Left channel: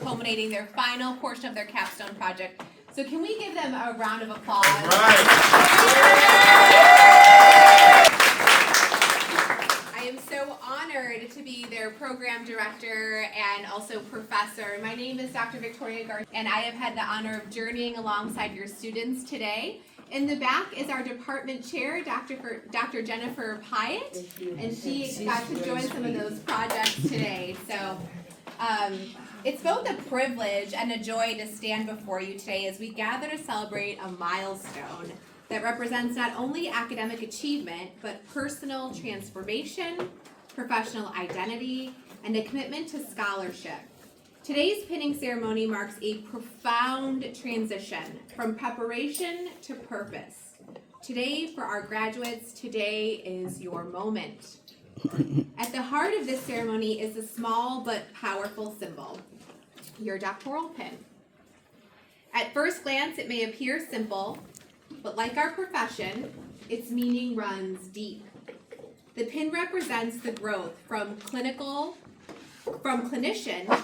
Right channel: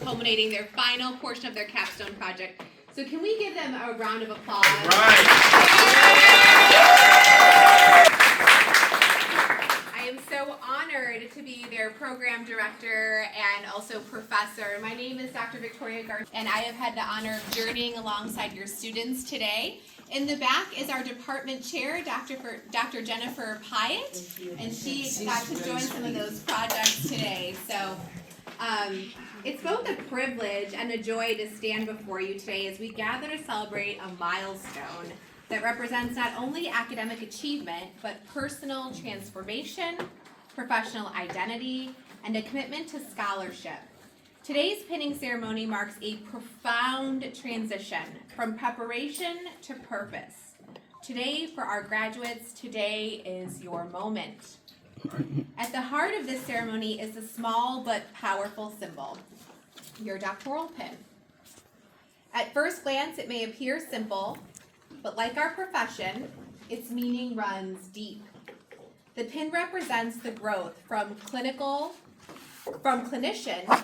culminating their final portion of their capstone project. So can we give them a round of applause? Right. I am so honored to be their program director and also professor. My name is Dr. Victoria Garth, and I have had the honor of journeying alongside your students today. In the back is our department chair, Dr. Jennifer Pyatt, and she got to join some of those projects today. So it's both a privilege and a joy to stand before you today as we gather to celebrate a milestone that represents not only academic achievement, but personal transformation, professional identity, and a commitment to scholarship. Today's pinning ceremony marks a profound transition from preparation to purpose. Today, for our graduates, today is your moment. At the heart of this ceremony is a small but powerful symbol, your doctoral pin. At first glance, it may appear simple, but like our profession, its meaning runs deep. The pin represents the growth from clinician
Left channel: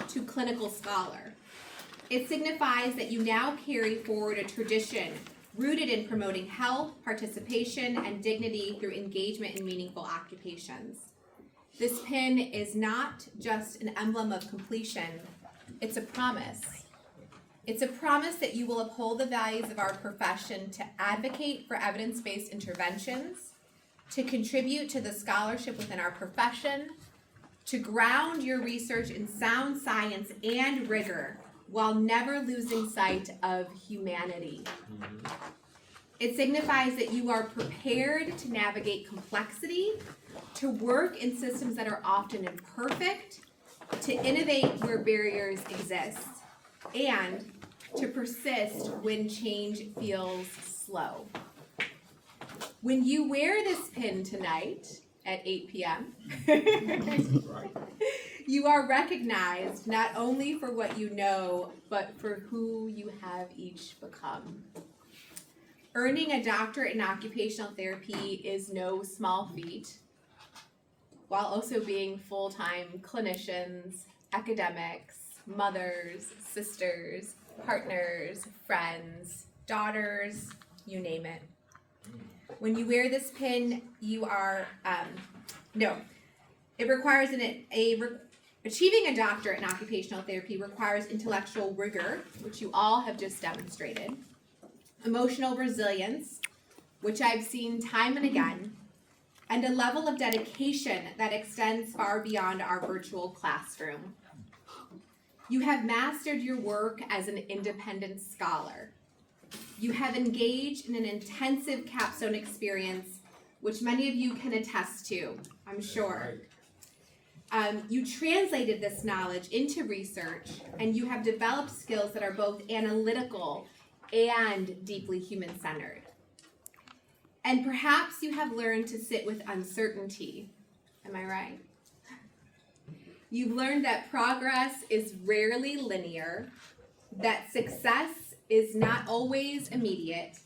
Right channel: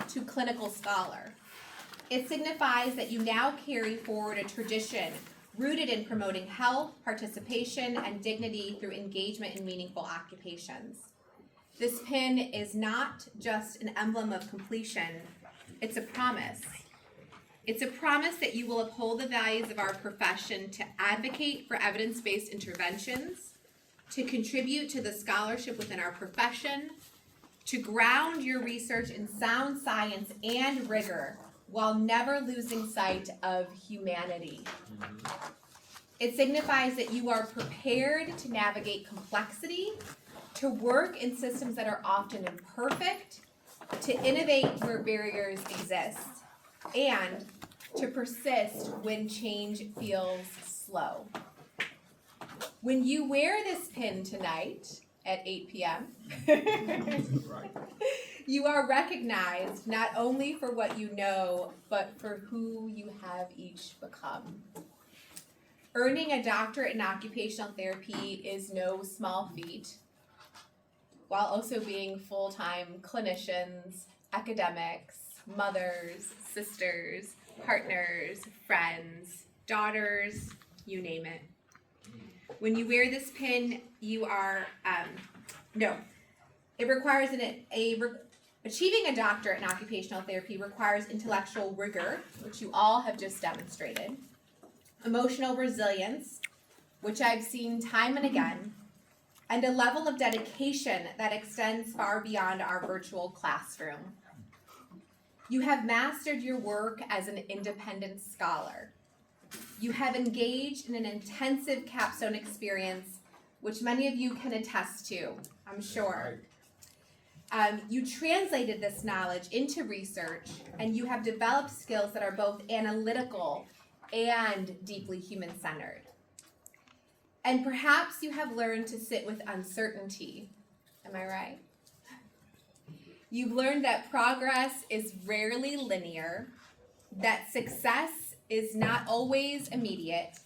to clinical scholar. It signifies that you now carry forward a tradition rooted in promoting health, participation, and dignity through engagement in meaningful occupations. This pin is not just an emblem of completion, it's a promise. It's a promise that you will uphold the values of our profession to advocate for evidence-based interventions, to contribute to the scholarship within our profession, to ground your research in sound science and rigor while never losing sight of humanity. It signifies that you are prepared to navigate complexity, to work in systems that are often imperfect, to innovate where barriers exist, and to persist when change feels slow. When you wear this pin tonight at 8 p.m., you are recognized not only for what you know, but for who you have each become. Earning a doctorate in occupational therapy is no small feat, while also being full-time clinicians, academics, mothers, sisters, partners, friends, daughters, you name it. When you wear this pin, you are, it requires achieving a doctorate in occupational therapy requires intellectual rigor, which you all have just demonstrated, emotional resilience, which I've seen time and again, and a level of dedication that extends far beyond our virtual classroom. You have mastered your work as an independent scholar. You have engaged in an intensive capstone experience, which many of you can attest to, I'm sure. You translated this knowledge into research, and you have developed skills that are both analytical and deeply human-centered. And perhaps you have learned to sit with uncertainty. Am I right? You've learned that progress is rarely linear, that success is not always immediate,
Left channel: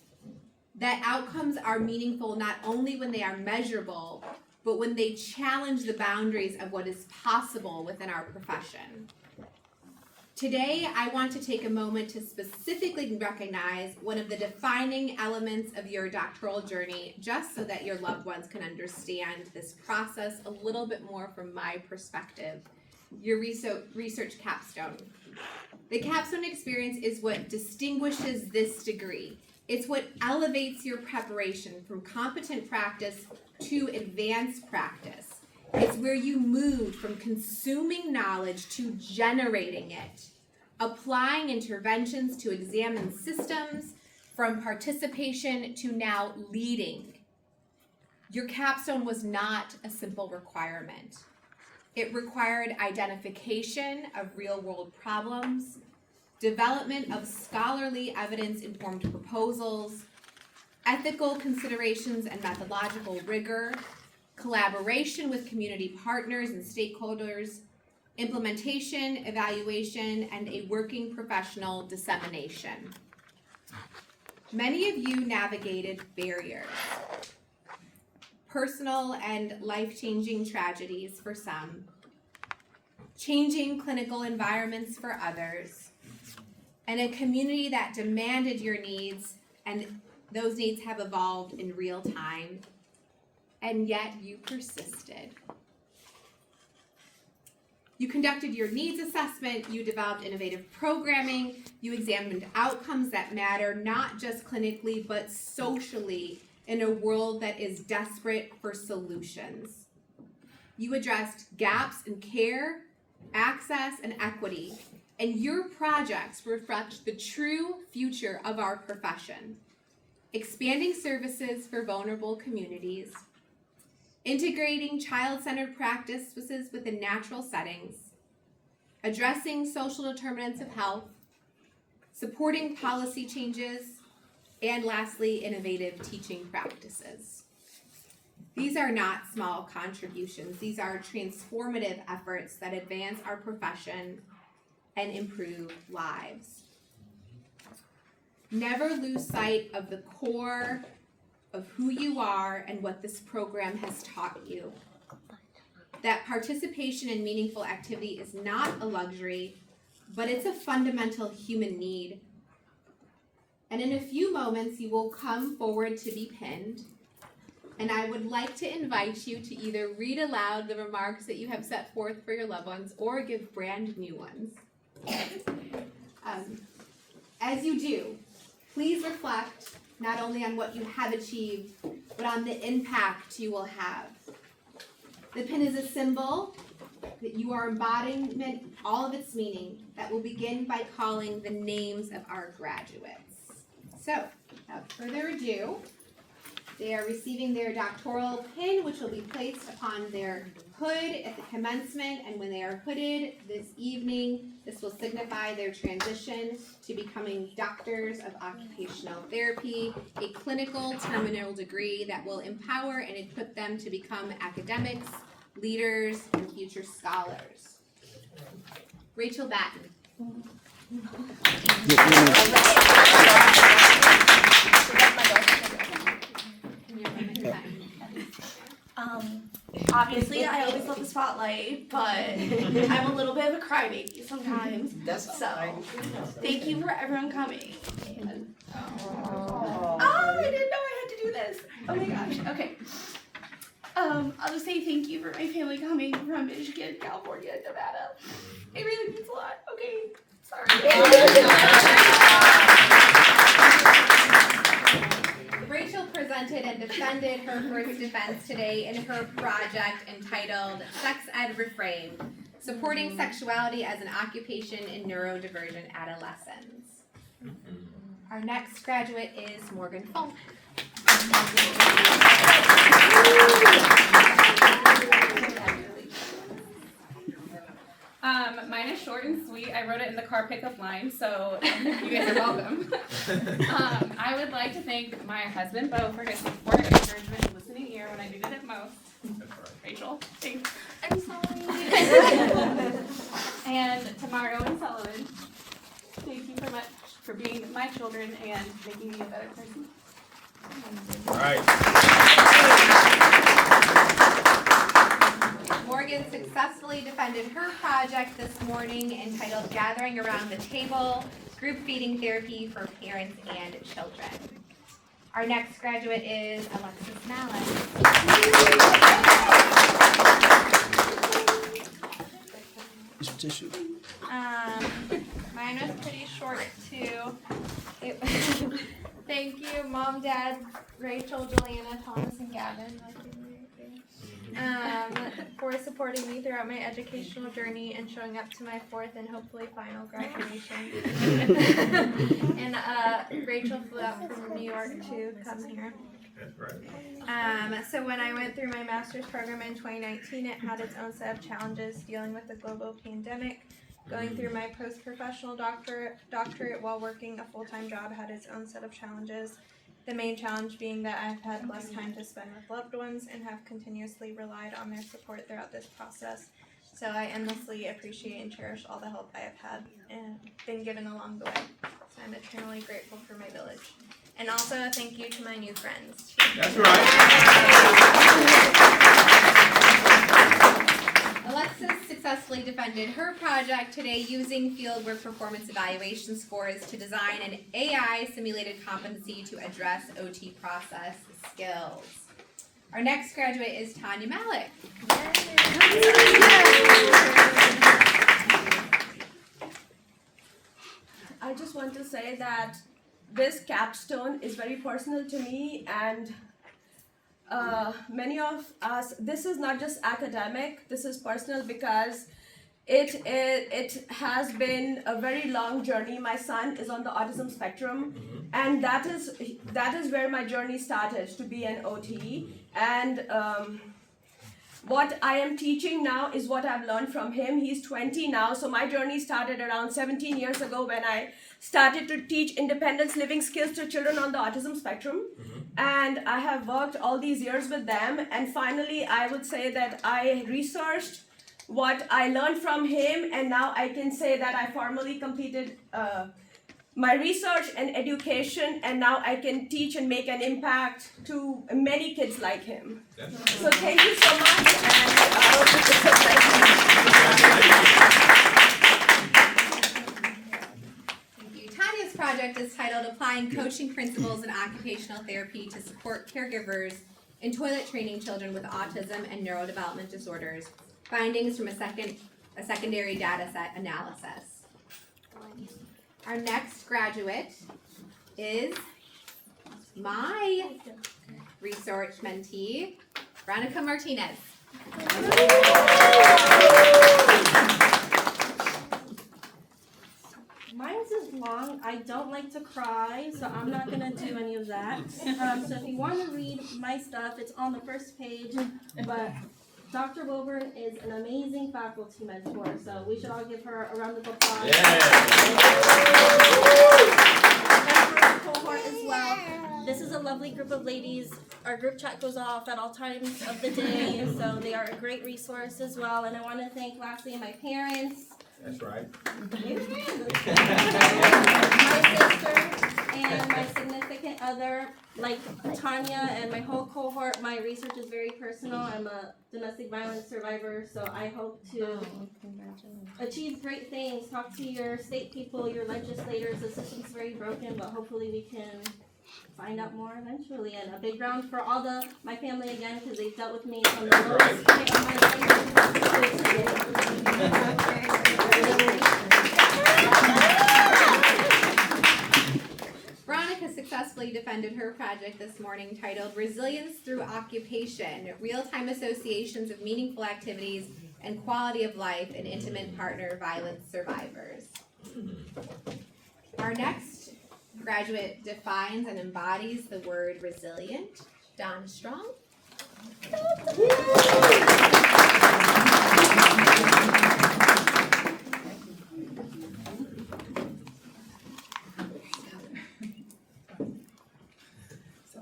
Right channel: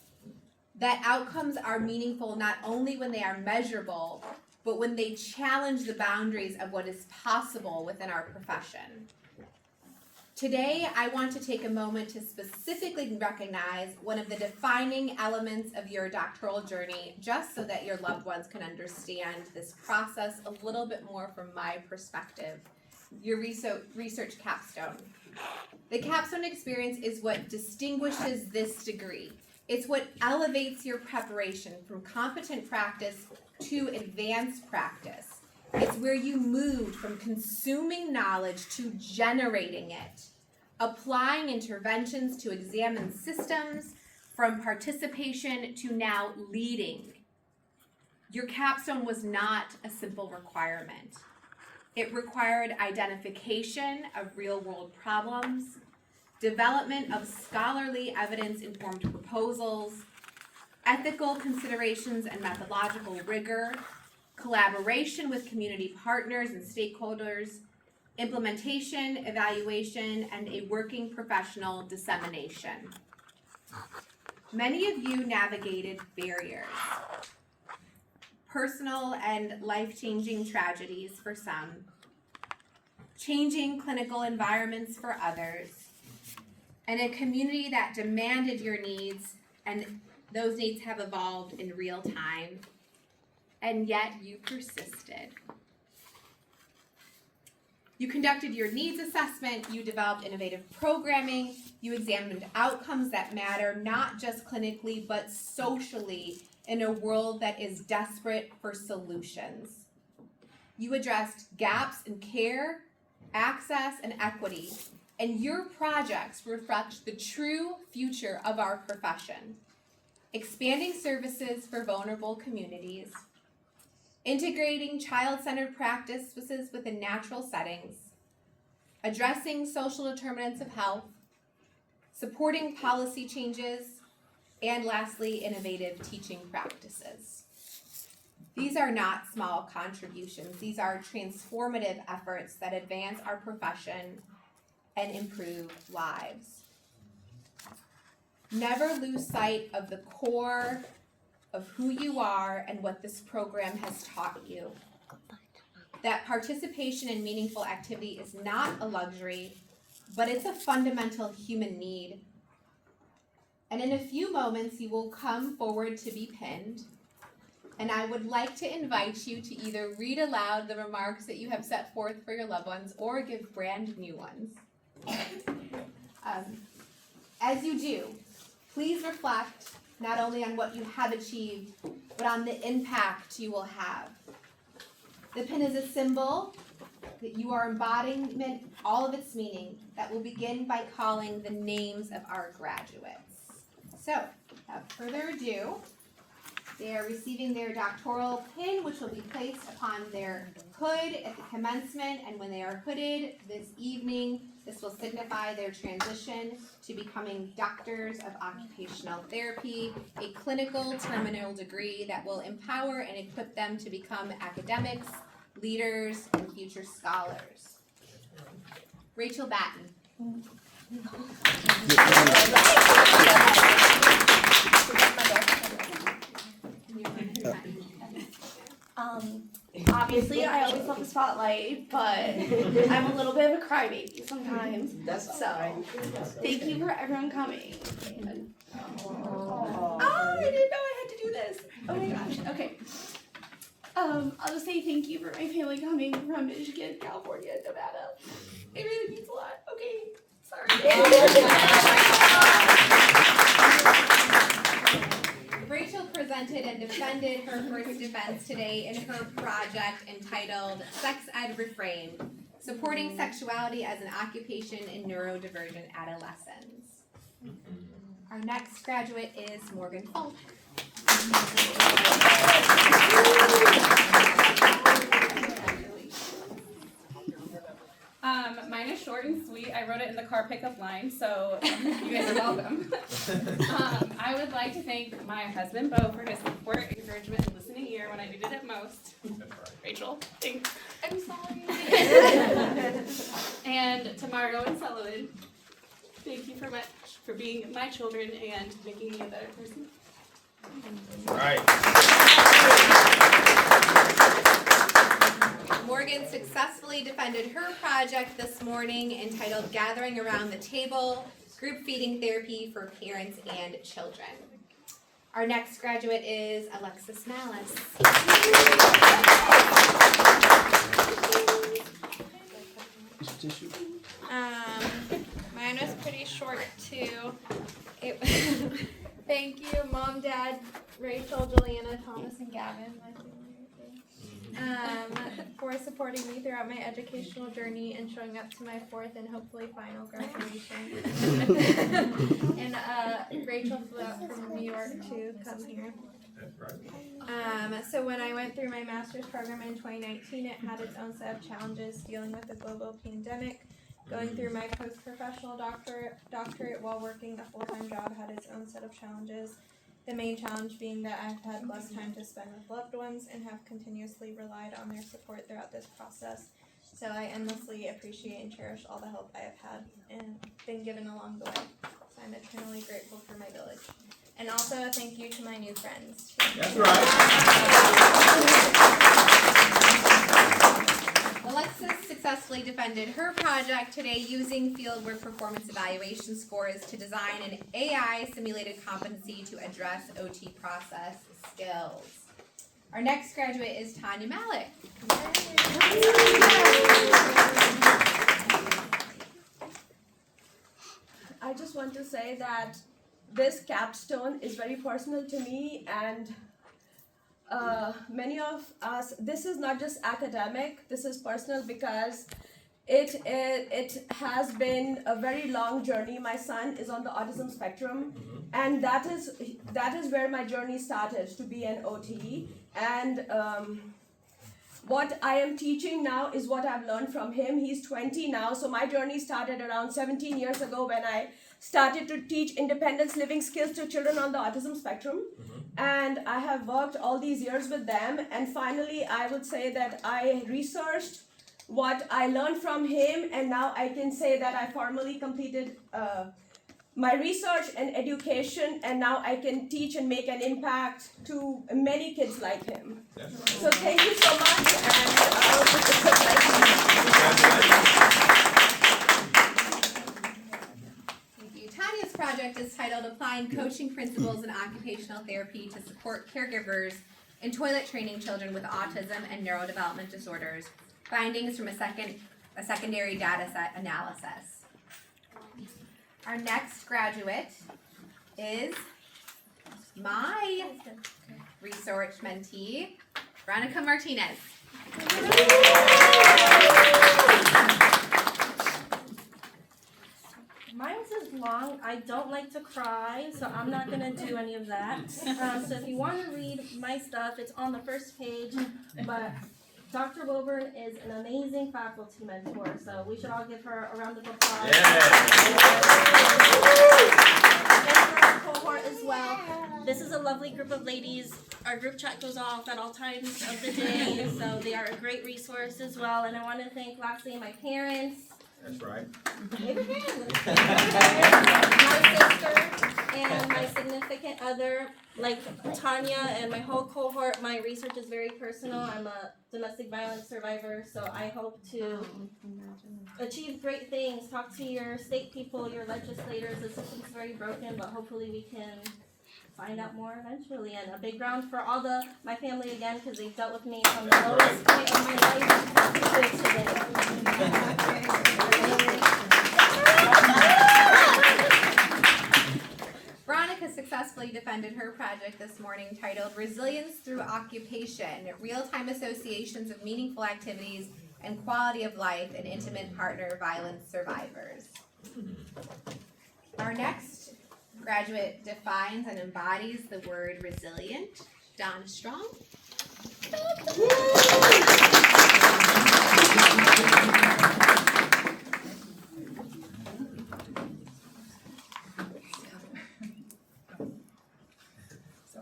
that outcomes are meaningful not only when they are measurable, but when they challenge the boundaries of what is possible within our profession. Today, I want to take a moment to specifically recognize one of the defining elements of your doctoral journey, just so that your loved ones can understand this process a little bit more from my perspective. Your research capstone. The capstone experience is what distinguishes this degree. It's what elevates your preparation from competent practice to advanced practice. It's where you move from consuming knowledge to generating it, applying interventions to examine systems, from participation to now leading. Your capstone was not a simple requirement. It required identification of real-world problems, development of scholarly evidence-informed proposals, ethical considerations and methodological rigor, collaboration with community partners and stakeholders, implementation, evaluation, and a working professional dissemination. Many of you navigated barriers, personal and life-changing tragedies for some, changing clinical environments for others, and a community that demanded your needs, and those needs have evolved in real time, and yet you persisted. You conducted your needs assessment, you developed innovative programming, you examined outcomes that matter, not just clinically, but socially, in a world that is desperate for solutions. You addressed gaps in care, access, and equity, and your projects reflect the true future of our profession. Expanding services for vulnerable communities, integrating child-centered practices within natural settings, addressing social determinants of health, supporting policy changes, and lastly, innovative teaching practices. These are not small contributions. These are transformative efforts that advance our profession and improve lives. Never lose sight of the core of who you are and what this program has taught you. That participation in meaningful activity is not a luxury, but it's a fundamental human need. And in a few moments, you will come forward to be pinned. And I would like to invite you to either read aloud the remarks that you have set forth for your loved ones or give brand new ones. As you do, please reflect not only on what you have achieved, but on the impact you will have. The pin is a symbol that you are embodying all of its meaning that will begin by calling the names of our graduates. So, without further ado, they are receiving their doctoral pin, which will be placed upon their hood at the commencement, and when they are hooded this evening, this will signify their transition to becoming doctors of occupational therapy, a clinical terminal degree that will empower and equip them to become academics, leaders, and future scholars. Rachel Batten. Obviously, I always love the spotlight, but I'm a little bit of a crybaby sometimes. So, thank you for everyone coming. Oh, I didn't know I had to do this. Oh my gosh. Okay. I'll just say thank you for my family coming from Michigan, California, and Nevada. It really means a lot. Okay. Sorry. Rachel presented and defended her first defense today in her project entitled Sex Ed Reframed, Supporting Sexuality as an Occupation in Neurodivergent Adolescents. Our next graduate is Morgan Funk. Mine is short and sweet. I wrote it in the car pickup line, so you guys are welcome. I would like to thank my husband, Bo, for his support, encouragement, and listening ear when I needed it most. Rachel, thanks. I'm sorry. And to Margo and Sullivan, thank you for being my children and making me a better person. All right. Morgan successfully defended her project this morning entitled Gathering Around the Table, Group Feeding Therapy for Parents and Children. Our next graduate is Alexis Malice. Mine was pretty short too. Thank you, Mom, Dad, Rachel, Juliana, Thomas, and Gavin, my family, for supporting me throughout my educational journey and showing up to my fourth and hopefully final graduation. And Rachel flew out from New York to come here. So when I went through my master's program in 2019, it had its own set of challenges dealing with the global pandemic. Going through my post-professional doctorate while working a full-time job had its own set of challenges. The main challenge being that I've had less time to spend with loved ones and have continuously relied on their support throughout this process. So I endlessly appreciate and cherish all the help I have had and been given along the way. So I'm eternally grateful for my village. And also thank you to my new friends. That's right. Alexis successfully defended her project today using fieldwork performance evaluation scores to design an AI simulated competency to address OT process skills. Our next graduate is Tanya Malik. I just want to say that this capstone is very personal to me, and many of us, this is not just academic, this is personal because it has been a very long journey. My son is on the autism spectrum, and that is where my journey started, to be an OT. And what I am teaching now is what I've learned from him. He's 20 now, so my journey started around 17 years ago when I started to teach independence living skills to children on the autism spectrum. And I have worked all these years with them, and finally I would say that I researched what I learned from him, and now I can say that I formally completed my research and education, and now I can teach and make an impact to many kids like him. Yeah. So thank you so much, and I hope it's a Thank you. Tanya's project is titled Applying Coaching Principles in Occupational Therapy to Support Caregivers in Toilet Training Children with Autism and Neurodevelopment Disorders. Findings from a secondary data set analysis. Our next graduate is my research mentee, Veronica Martinez. Mine's is long. I don't like to cry, so I'm not gonna do any of that. So if you want to read my stuff, it's on the first page. But Dr. Wilburn is an amazing faculty mentor, so we should all give her a round of applause. Yeah. And for our cohort as well. This is a lovely group of ladies. Our group chat goes off at all times of the day, so they are a great resource as well. And I want to thank lastly my parents. That's right. My sister and my significant other, like Tanya and my whole cohort. My research is very personal. I'm a domestic violence survivor, so I hope to achieve great things. Talk to your state people, your legislators. The system's very broken, but hopefully we can find out more eventually. And a big round for all my family again, because they've dealt with me from the lowest point of my Veronica successfully defended her project this morning titled Resilience Through Occupation, Real-Time Associations of Meaningful Activities and Quality of Life in Intimate Partner Violence Survivors. Our next graduate defines and embodies the word resilient. Donna Strong.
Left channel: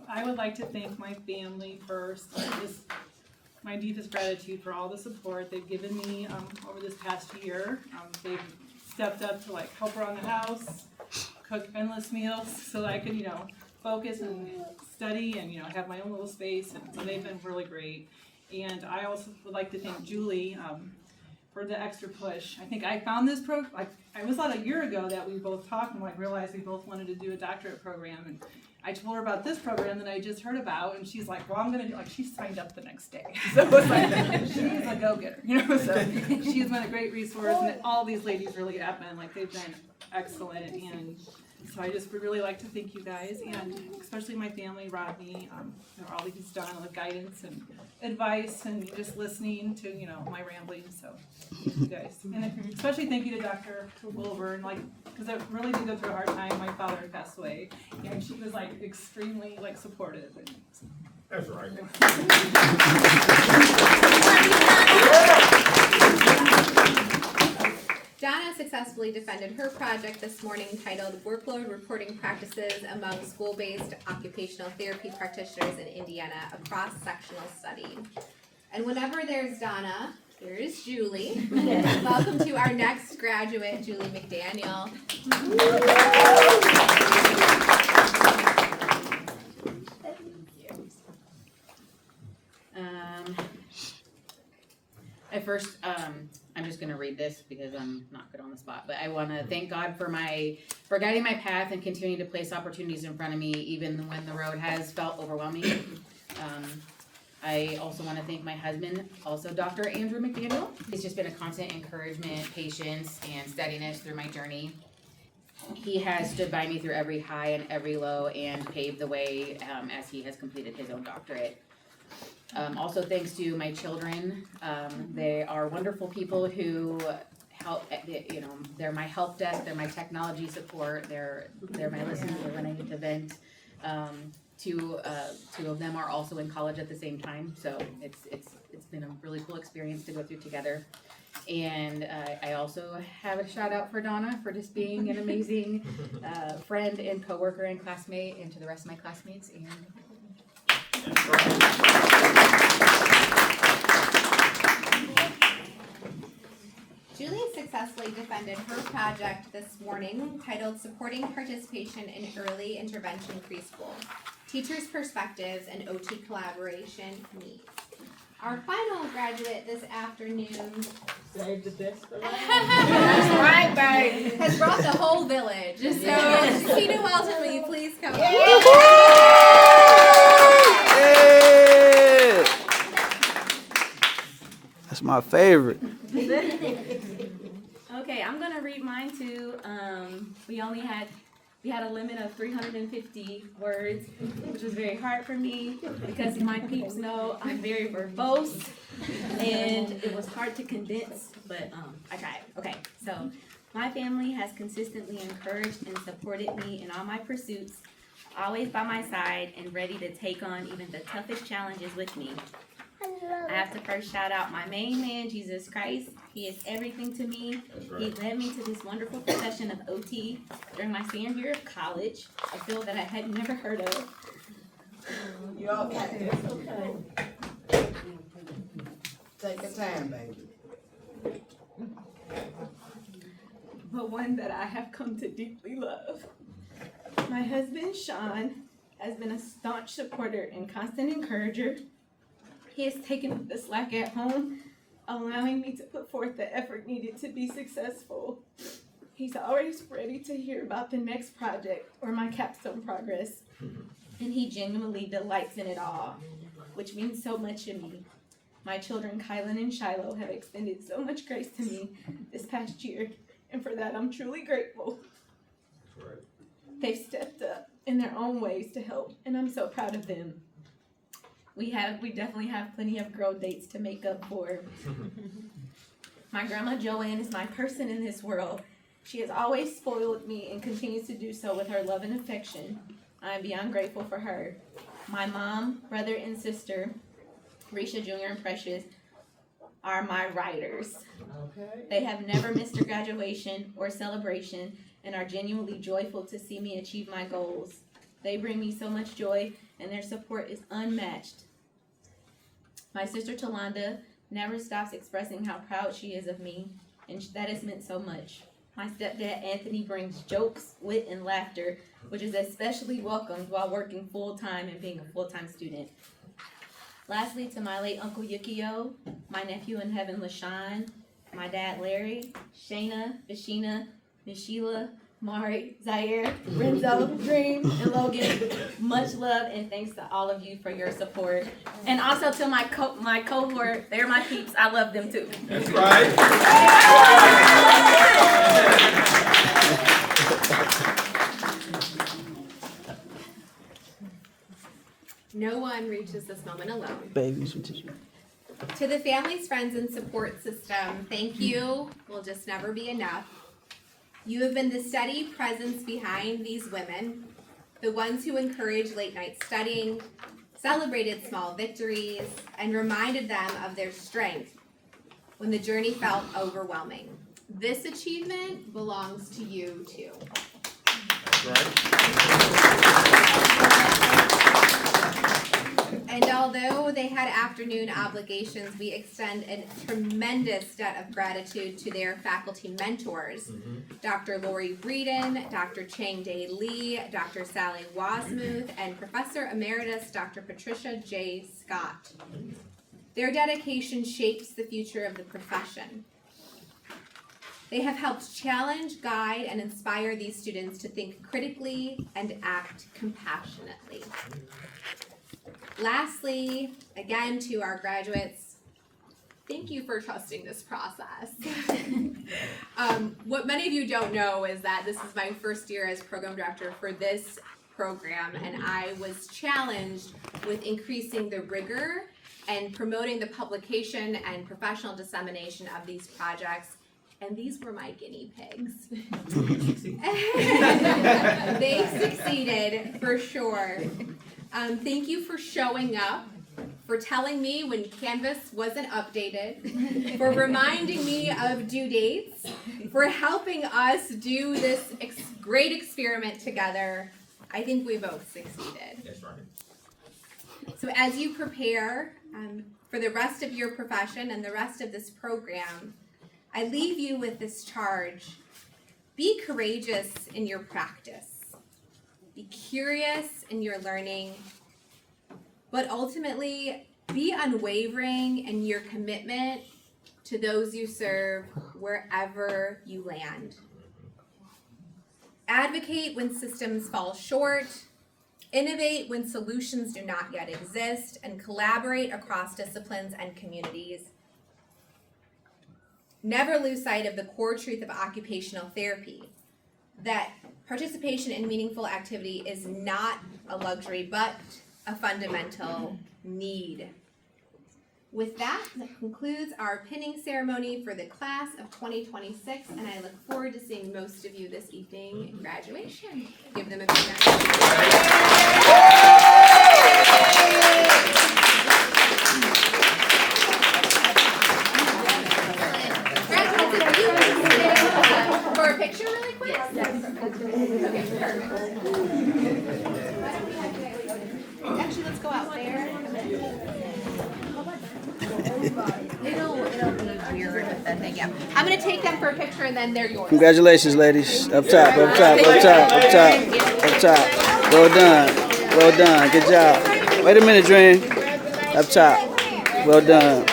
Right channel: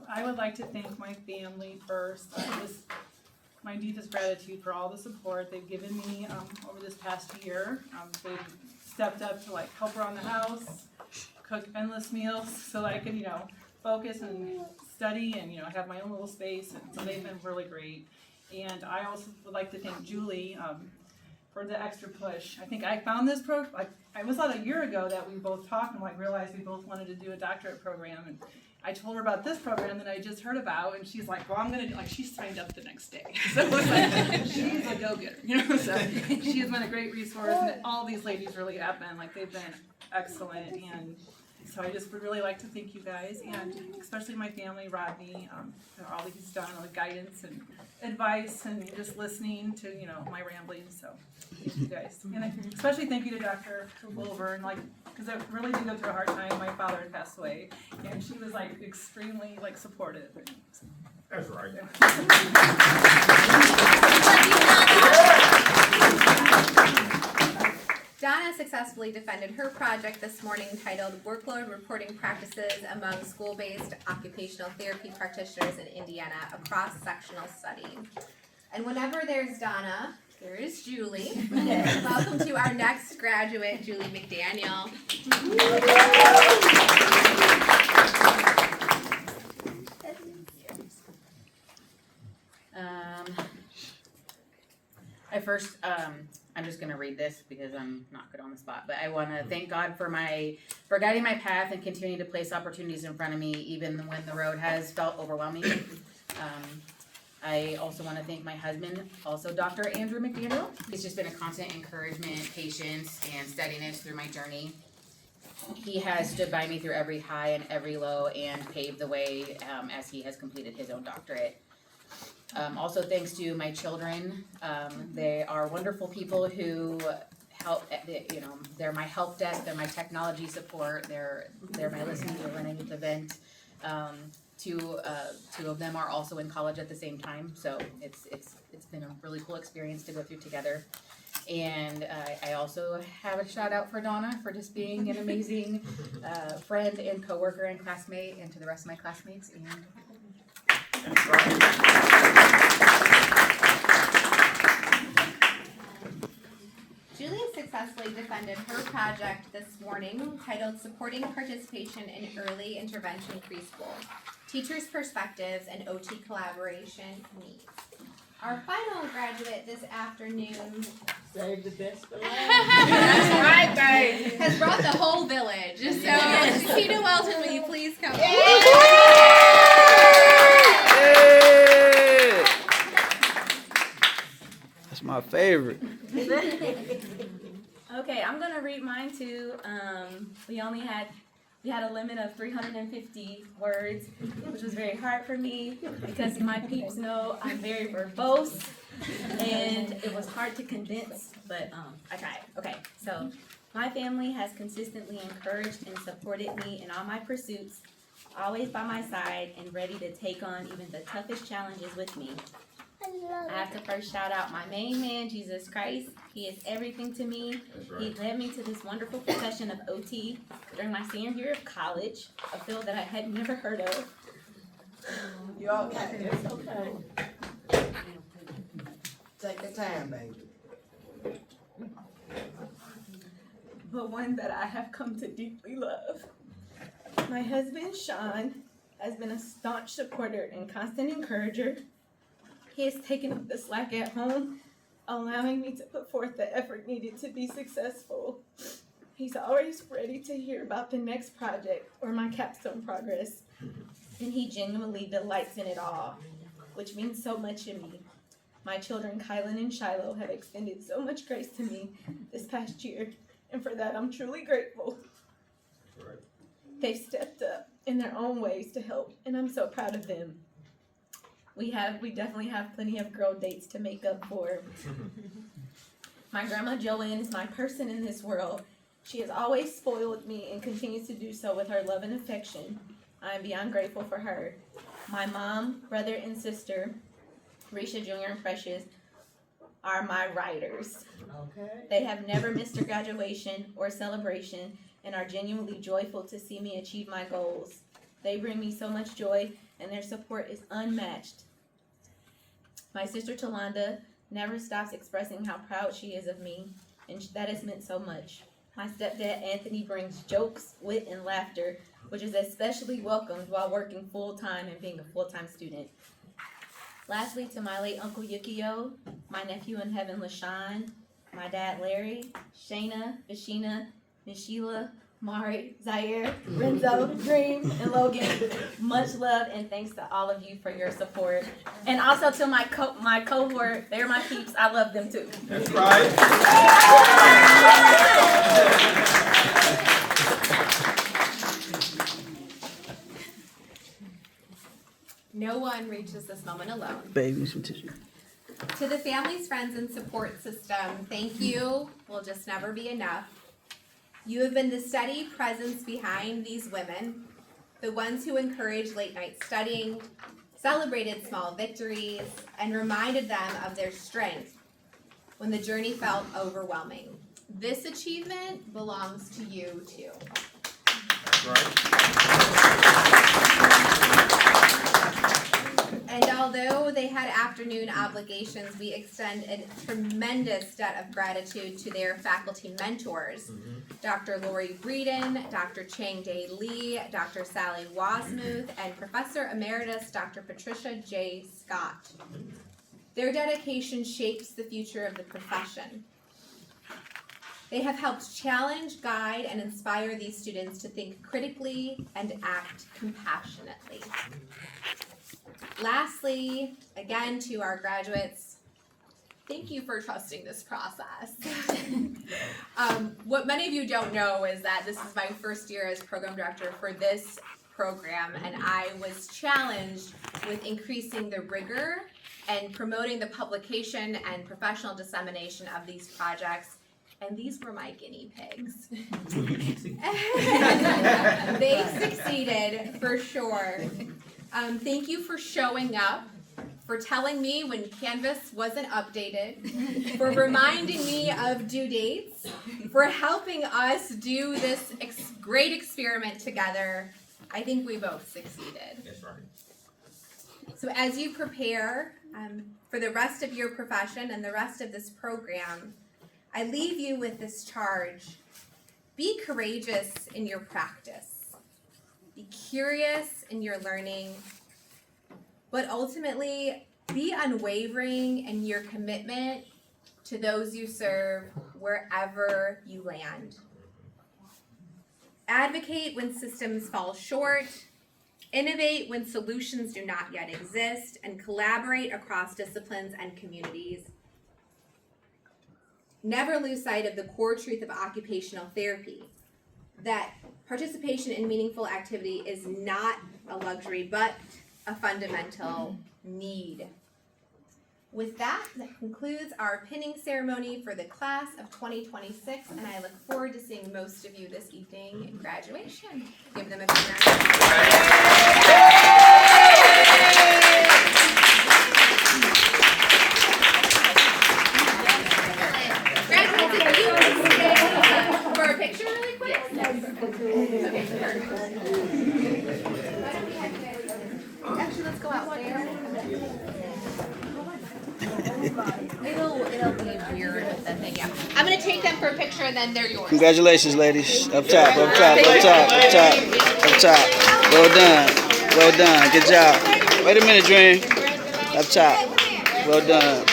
I would like to thank my family first. My deepest gratitude for all the support they've given me over this past year. They've stepped up to help around the house, cook endless meals so that I could, focus and study and, have my own little space. And so they've been really great. And I also would like to thank Julie for the extra push. I think I found this program, it was about a year ago that we both talked and realized we both wanted to do a doctorate program. And I told her about this program that I just heard about, and she's like, well, I'm going to do, she signed up the next day. So she's a go-getter, so she's been a great resource, and all these ladies really have been, they've been excellent, and so I just would really like to thank you guys, and especially my family, Rodney, for all that he's done, the guidance and advice, and just listening to, my ramblings, so thank you guys. And especially thank you to Dr. Wilburn, because I really did go through a hard time. My father had passed away, and she was extremely supportive. And so. That's right. Donna successfully defended her project this morning titled Workload Reporting Practices Among School-Based Occupational Therapy Practitioners in Indiana, a Cross-Sectional Study. And whenever there's Donna, there is Julie. Welcome to our next graduate, Julie McDaniel. I first, I'm just gonna read this because I'm not good on the spot, but I wanna thank God for guiding my path and continuing to place opportunities in front of me, even when the road has felt overwhelming. I also wanna thank my husband, also Dr. Andrew McDaniel. He's just been a constant encouragement, patience, and steadiness through my journey. He has stood by me through every high and every low and paved the way as he has completed his own doctorate. Also thanks to my children. They are wonderful people who help, they're my help desk, they're my technology support, they're my listening ear when I need to vent. Two of them are also in college at the same time, so it's been a really cool experience to go through together. And I also have a shout out for Donna for just being an amazing friend and coworker and classmate, and to the rest of my classmates. And Julia successfully defended her project this morning titled Supporting Participation in Early Intervention Preschool, Teachers' Perspectives and OT Collaboration Needs. Our final graduate this afternoon Save the best for last. That's right, babe. Has brought the whole village. So, Kina Welton, will you please come? That's my favorite. Okay, I'm gonna read mine too. We had a limit of 350 words, which was very hard for me because my peeps know I'm very verbose, and it was hard to condense, but I tried. Okay, so my family has consistently encouraged and supported me in all my pursuits, always by my side and ready to take on even the toughest challenges with me. I have to first shout out my main man, Jesus Christ. He is everything to me. Right. He led me to this wonderful profession of OT during my senior year of college, a field that I had never heard of. You all got this, okay. Take your time, baby. But one that I have come to deeply love. My husband, Sean, has been a staunch supporter and constant encourager. He has taken up the slack at home, allowing me to put forth the effort needed to be successful. He's always ready to hear about the next project or my capstone progress, and he genuinely delights in it all, which means so much to me. My children, Kylan and Shiloh, have extended so much grace to me this past year, and for that I'm truly grateful. They've stepped up in their own ways to help, and I'm so proud of them. We definitely have plenty of girl dates to make up for. My grandma Joanne is my person in this world. She has always spoiled me and continues to do so with her love and affection. I am beyond grateful for her. My mom, brother, and sister, Risha Jr. and Precious, are my riders. Okay. They have never missed a graduation or celebration and are genuinely joyful to see me achieve my goals. They bring me so much joy, and their support is unmatched. My sister Talonda never stops expressing how proud she is of me, and that has meant so much. My stepdad Anthony brings jokes, wit, and laughter, which is especially welcomed while working full-time and being a full-time student. Lastly, to my late Uncle Yukio, my nephew in heaven LaShawn, my dad Larry, Shayna, Vashina, Nishila, Mari, Zaire, Renzo, Dream, and Logan, much love and thanks to all of you for your support. And also to my cohort, they're my peeps. I love them too. That's right. No one reaches this moment alone. Baby, some tissue. To the families, friends, and support system, thank you. Will just never be enough. You have been the steady presence behind these women, the ones who encouraged late night studying, celebrated small victories, and reminded them of their strength when the journey felt overwhelming. This achievement belongs to you too. That's right. And although they had afternoon obligations, we extend a tremendous debt of gratitude to their faculty mentors, Dr. Lori Breeden, Dr. Chang Dae Lee, Dr. Sally Wasmuth, and Professor Emeritus Dr. Patricia J. Scott. Their dedication shapes the future of the profession. They have helped challenge, guide, and inspire these students to think critically and act compassionately. Lastly, again, to our graduates, thank you for trusting this process. What many of you don't know is that this is my first year as program director for this program, and I was challenged with increasing the rigor and promoting the publication and professional dissemination of these projects, and these were my guinea pigs. They succeeded for sure. Thank you for showing up, for telling me when Canvas wasn't updated, for reminding me of due dates, for helping us do this great experiment together. I think we both succeeded. That's right. So as you prepare for the rest of your profession and the rest of this program, I leave you with this charge. Be courageous in your practice. Be curious in your learning, but ultimately be unwavering in your commitment to those you serve wherever you land. Advocate when systems fall short, innovate when solutions do not yet exist, and collaborate across disciplines and communities. Never lose sight of the core truth of occupational therapy, that participation in meaningful activity is not a luxury, but a fundamental need. With that concludes our pinning ceremony for the class of 2026, and I look forward to seeing most of you this evening in graduation. Give them a big round of applause. For a picture really quick? Okay, perfect. Actually, let's go out there. It'll be weird with the thing, yeah. I'm gonna take them for a picture and then they're yours. Congratulations, ladies. Up top, up top, up top, up top, up top. Well done. Well done. Good job. Wait a minute, Dream. Up top. Well done.